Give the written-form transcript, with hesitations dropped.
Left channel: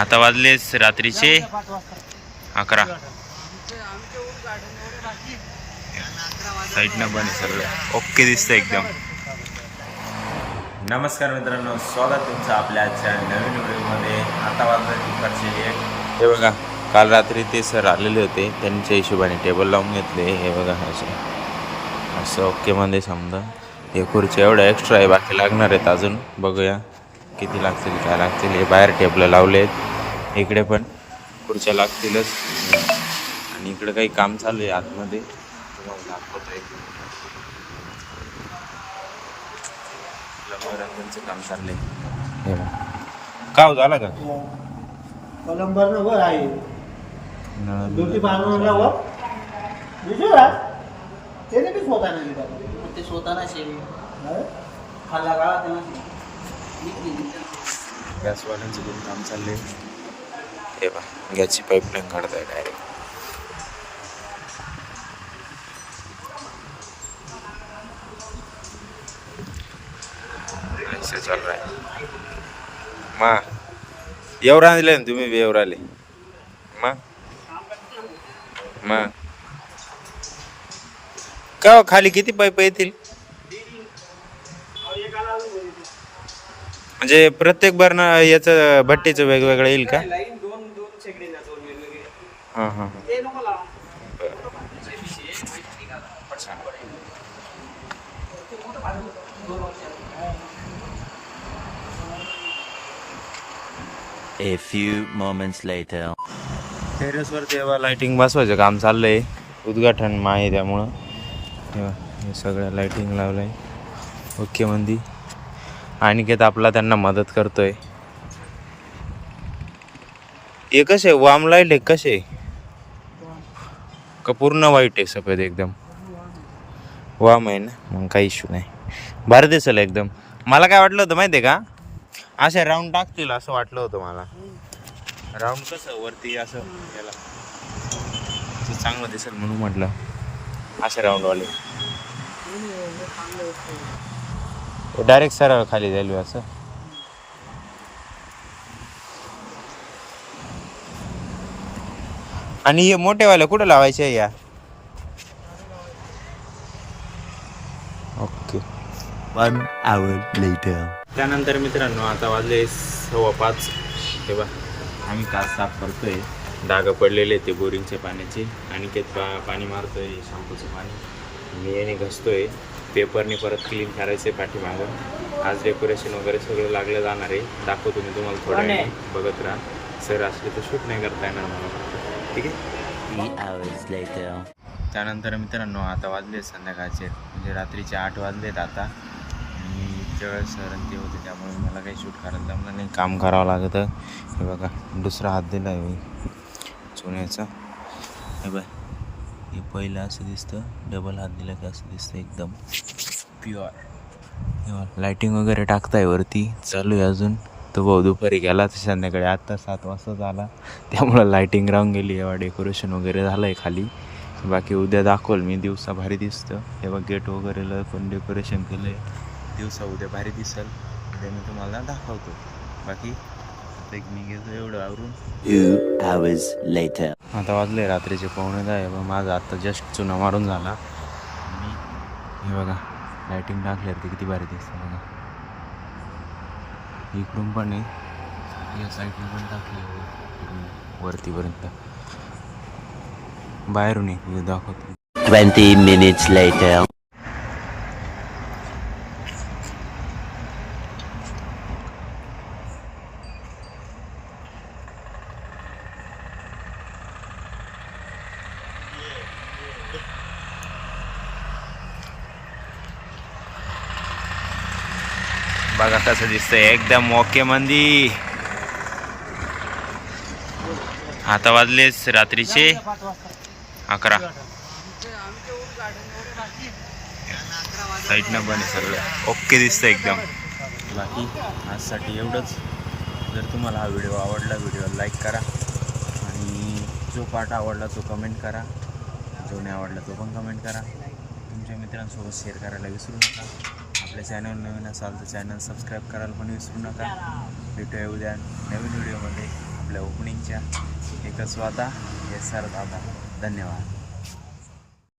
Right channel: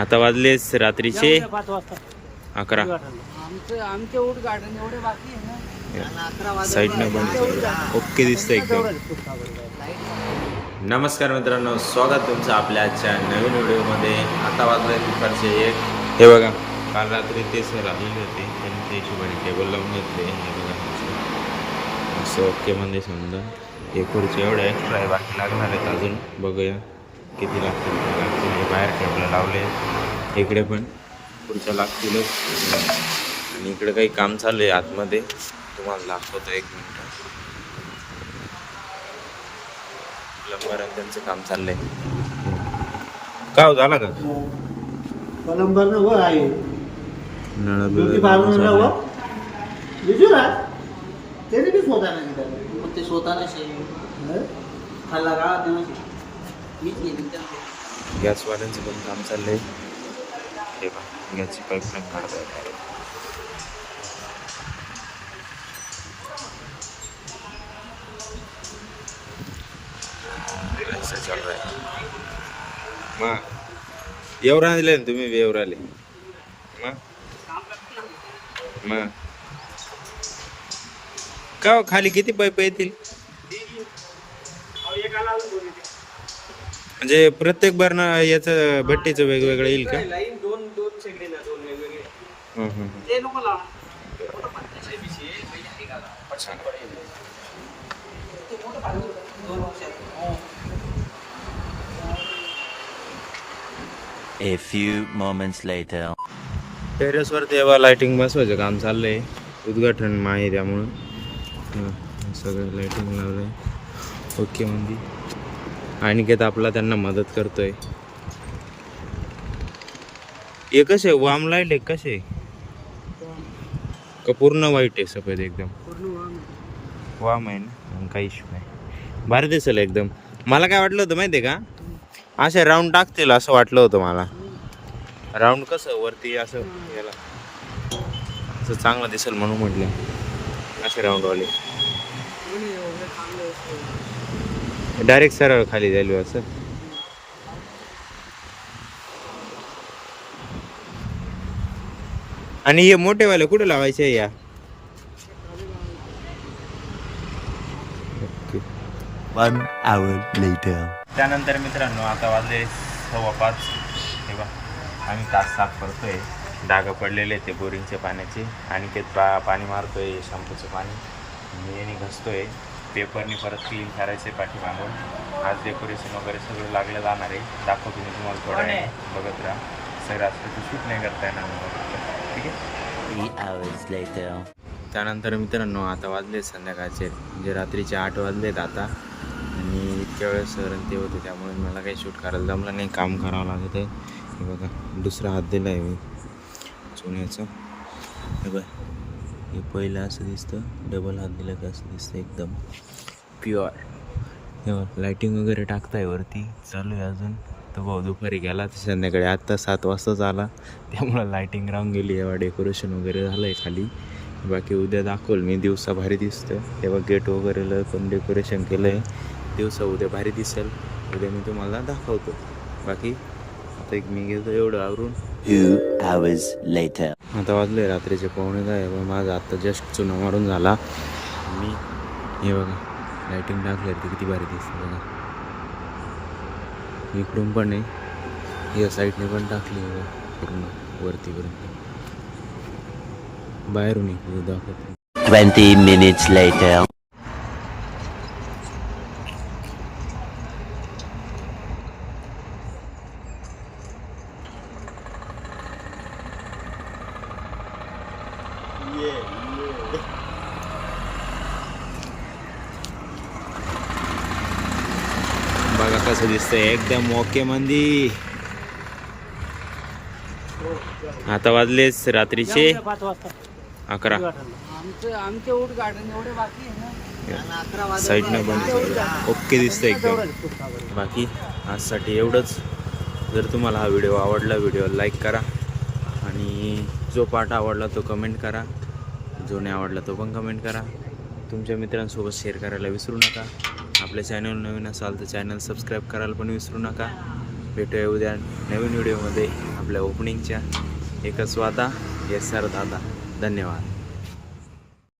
आता वाजलेस रात्रीचे 11. साईडनं बन सगळं ओके दिसतं एकदम. नमस्कार मित्रांनो, स्वागत तुमचं आपल्या आजच्या नवीन व्हिडिओमध्ये. आता वाजले दुपारचे 1. हे बघा, काल रात्री ते सर आलेले होते, त्यांच्या हिशोबाने टेबल लावून घेतले. हे बघा असं ओके मध्ये समजा. हे खुर्ची एवढं एक्स्ट्रा आहे, बाकी लागणार आहेत अजून. बघूया किती लागतील काय लागतील. हे बाहेर टेबल लावले आहेत, इकडे पण खुर्च्या लागतीलच. आणि इकडे काही काम चालू आहे आतमध्ये, तुम्हाला दाखवतो. एक मिनिट. प्लंबर त्यांचं काम चाललंय. का झाला का गॅसवाल्यांचं पण काम चाललंय. हे बघा, गॅसची पाईपलाईन काढताय डायरेक्ट. ऐसा चल रहा है. मा एवढा आले ना तुम्ही बी एवढा आले मा का खाली किती पाईप येतील? म्हणजे प्रत्येक बर्न याचं भट्टीचं वेगवेगळं येईल का? हां हां A few moments later. टेरेसवर तेव्हा लाइटिंग बसवायचं काम चाललंय. उद्घाटन आहे त्यामुळं हे सगळं लाइटिंग लावलंय ओके मंदी. अनिकेत आपला त्यांना मदत करतोय. हे कसे वाम लाईट आहे, कसे का पूर्ण वाईट आहे? सफेद एकदम वाम आहे ना, मग काही इश्यू नाही. भारी दिसेल एकदम. मला काय वाटलं होतं माहिती आहे का, असे राऊंड टाकतील असं वाटलं होतं मला. राऊंड कसं वरती असं याला असं चांगलं दिसेल म्हणून म्हटलं असे राऊंडवाले. डायरेक्ट सरळ खाली जाईल असं. आणि हे मोठेवाले कुठे लावायचे या? ओके. 1 hour later. त्यानंतर मित्रांनो, आता वाजले 5:15. हे बा, आम्ही कार साफ करतोय. डाग पडलेले ते बोरिंगच्या पाण्याचे. अनिकेत पाणी मारतोय, शॅम्पूचं पाणी याने घसतोय. पेपरनी परत क्लीन करायचं आहे पाठीमागून. आज डेकोरेशन वगैरे सगळं लागलं जाणार आहे. दाखवतो मी तुम्हाला थोड्या वेळाने, बघत राहा. सर असले तर शूट नाही करता येणार मला फक्त, ठीक आहे. 3 hours later. त्यानंतर मित्रांनो, आता वाजले संध्याकाळचे, म्हणजे रात्रीचे 8 वाजलेत आता. आणि इतक्या वेळेस सर आणि ते होते, त्यामुळे मला काही शूट करायला जमलं नाही. काम करावं लागतं. हे बघा, दुसरा हात दिला आहे चुन्याचा. हे बघ, हे पहिलं असं दिसतं, डबल हात दिला का असं दिसतं एकदम प्युअर. हे बघ, लाईटिंग वगैरे टाकताय वरती, चालू आहे अजून. तो भाऊ दुपारी गेला, तर संध्याकाळी आत्ता 7 वाजताच आला, त्यामुळं लाईटिंग राहून गेली. एव्हा डेकोरेशन वगैरे झालं आहे खाली. बाकी उद्या दाखवल मी. दिवसा भारी दिसतं. हे बघ, गेट वगैरे पण डेकोरेशन केलं आहे. दिवसा उद्या भारी दिसेल. उद्या मी तुम्हाला दाखवतो. बाकी आता एक मी घेतो एवढं आवरून. 2 hours later. आता वाजले रात्रीचे 9:15. माझा आत्ता जस्ट चुना मारून झाला. आणि हे बघा, लाईटिंग टाकल्यावर ते किती भारी दिसतं बघा. इकडून पण आहे, या साईडने पण टाकली पूर्ण वरतीपर्यंत. बाहेरून एक दाखवतो. 20 minutes later. बघा कसं दिसतंय एकदम ओके मंदी. आता वाजलेच रात्रीचे 11. साईडनं बन सगळं ओके दिसतं एकदम. बाकी आजसाठी एवढंच. जर तुम्हाला हा व्हिडिओ आवडला, व्हिडिओ लाईक करा. आणि जो पार्ट आवडला तो कमेंट करा, जो नाही आवडला तो पण कमेंट करा. तुमच्या मित्रांसोबत शेअर करायला विसरू नका. आपल्या चॅनल नवीन असाल तर चॅनल सबस्क्राईब करायला पण विसरू नका. भेटूया उद्या नवीन व्हिडिओमध्ये आपल्या ओपनिंगच्या. एकच वादा, येस सर दादा. धन्यवाद.